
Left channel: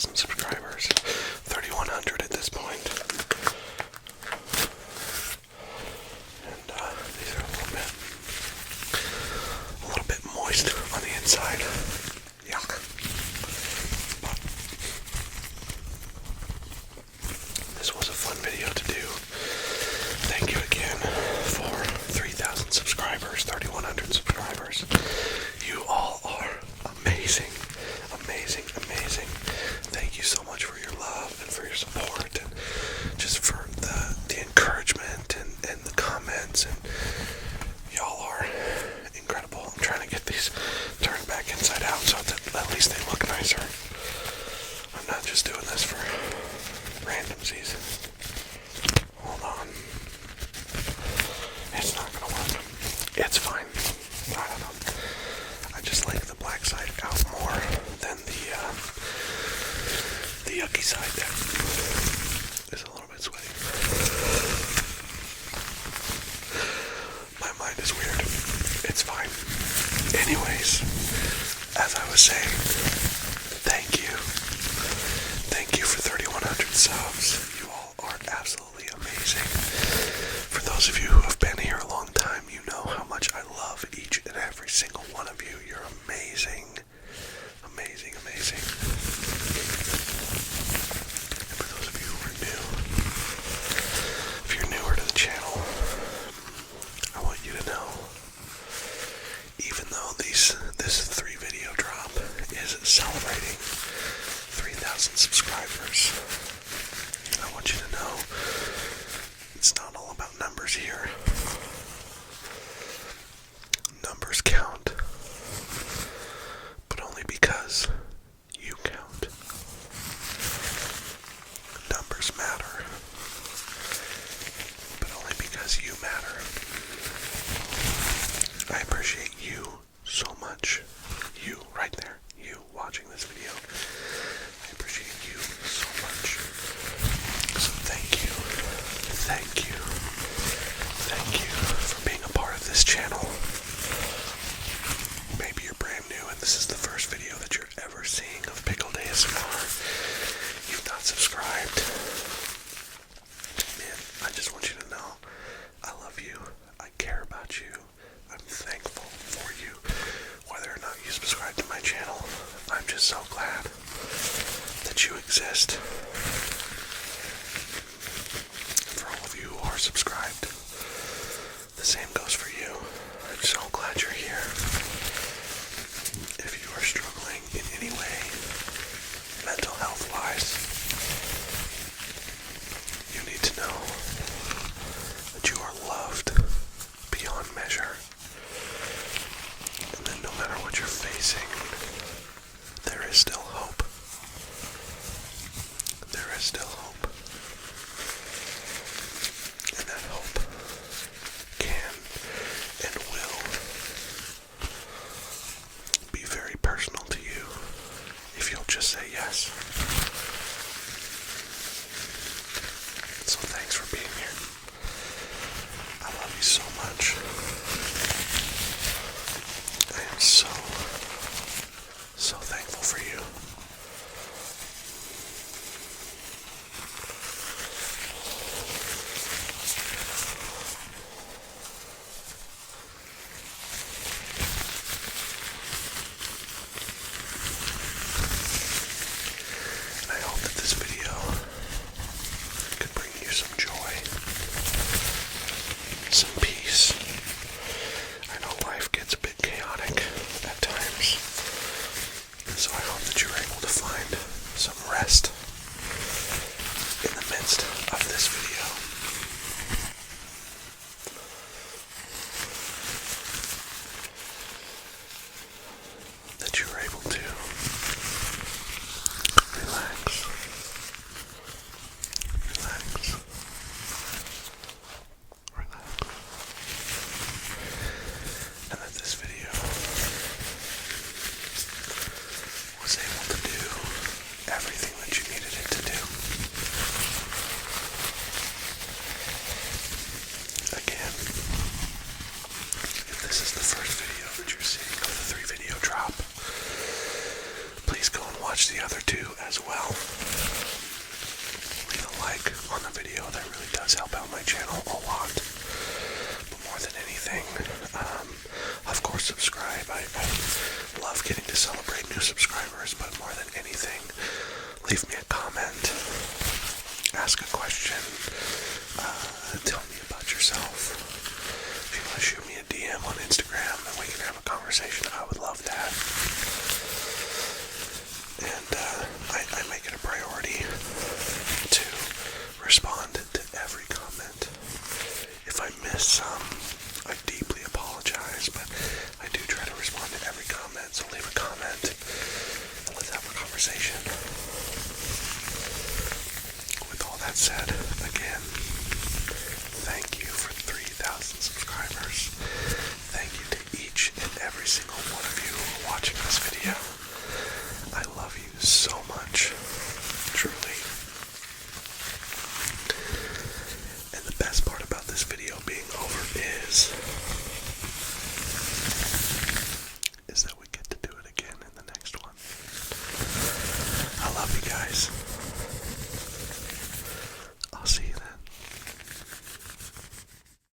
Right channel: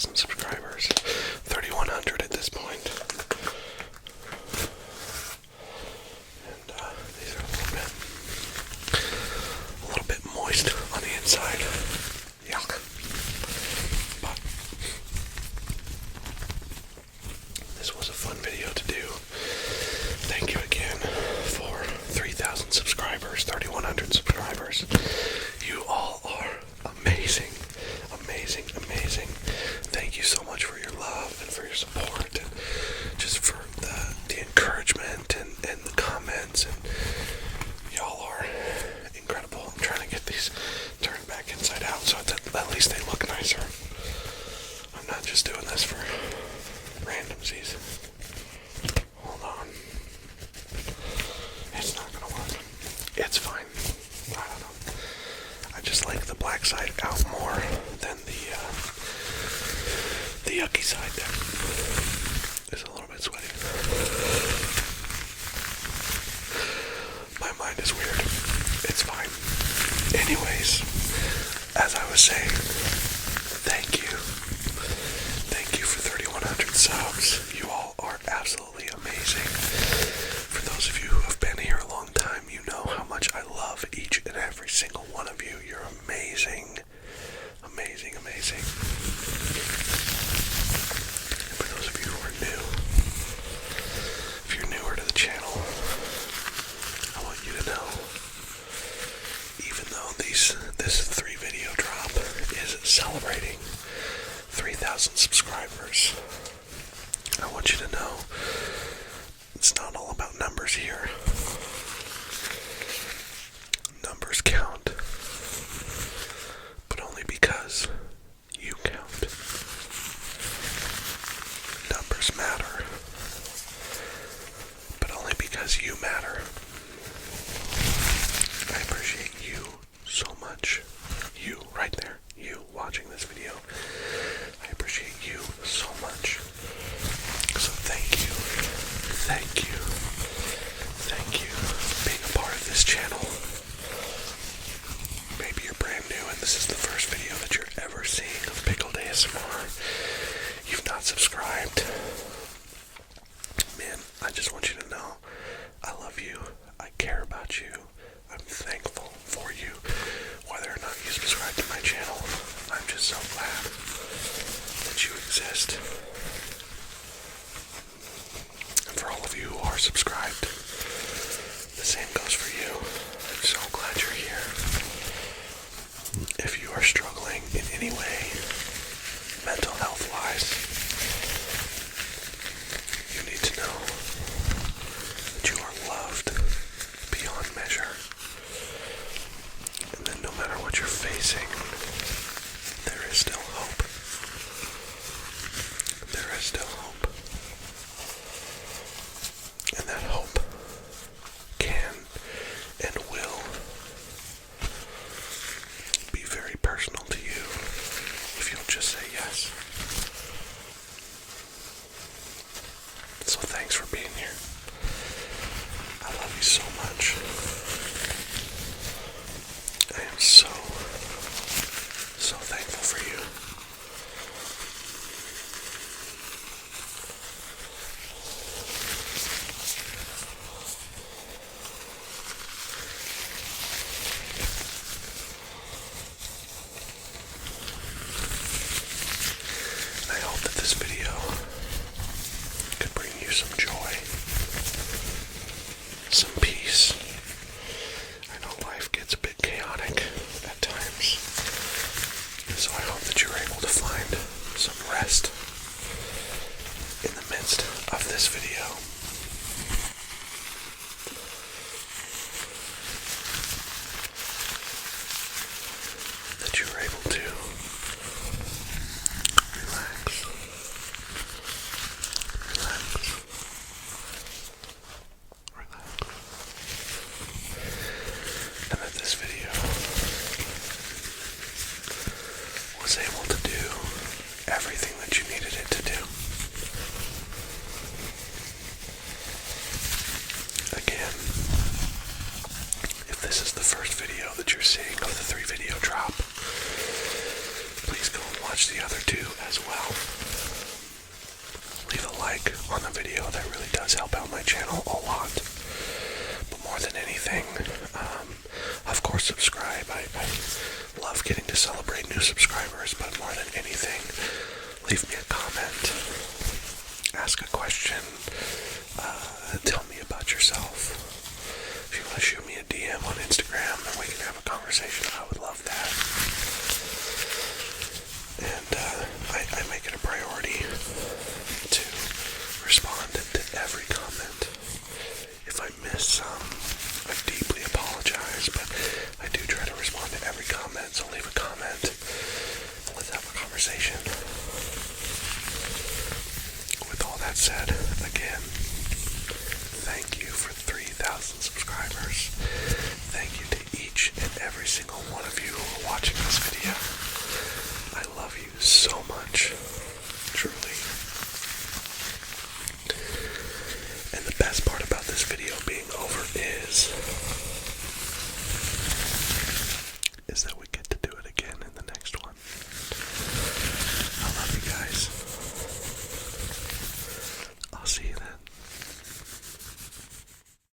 3,000 subscribers. 3,100 at this point. And these are a little bit moist on the inside. Yuck. But this was a fun video to do. Thank you again for 3,000 subscribers, 3,100 subscribers. You all are amazing, amazing, amazing. Thank you so much for your love and for your support and just for the encouragement and the comments. And y'all are incredible. I'm trying to get these turned back inside out so that at least they look nicer. I'm not just doing this for randomsies. Hold on. It's not gonna work. It's fine. I don't know. I just like the black side out more than the yucky side there. It's a little bit sweaty. My mind is weird. It's fine. Anyways, as I was saying, thank you. Thank you for 3,100 subs. You all are absolutely amazing. For those of you who have been here a long time, you know how much I love each and every single one of you. You're amazing. Amazing, amazing. And for those of you who are new, if you're newer to the channel, I want you to know, even though this 3-video drop is celebrating 3,000 subscribers, I want you to know it's not all about numbers here. Numbers count, but only because you count. Numbers matter, but only because you matter. I appreciate you so much. You, right there. You watching this video. I appreciate you so much. So thank you. Thank you. Thank you for being a part of this channel. Maybe you're brand new and this is the first video that you're ever seeing of PiCKLED ASMR. You've not subscribed. Man, I just want you to know I love you. I care about you. I'm thankful for you. Whether or not you subscribe to my channel, I'm just so glad that you exist. And for all of you who are subscribed, the same goes for you. I'm so glad you're here. If you are struggling in any way, mental health wise, you need to know that you are loved beyond measure. And that no matter what you're facing, there is still hope. There is still hope. And that hope can and will be very personal to you if you'll just say yes. So thanks for being here. I love you so much. I am so thankful for you. And I hope that this video could bring you some joy, some peace. I know life gets a bit chaotic at times, so I hope that you're able to as well. Leave a like on the video. That really does help out my channel a lot. But more than anything, of course, subscribe. I love getting to celebrate new subscribers, but more than anything, leave me a comment, ask a question, tell me about yourself. If you want to shoot me a DM on Instagram and we can have a conversation, I would love that. And I make it a priority to respond to every comment. If I miss some, I deeply apologize, but I do try to respond to every comment, so leave a comment and let's have a conversation. With all that said, again, thank you for 3,000 subscribers. Thank you to each and every single one of you who are watching this video. I love you so much, truly. And the best part about this video being over is that we get to do it again in the next one. I love you guys.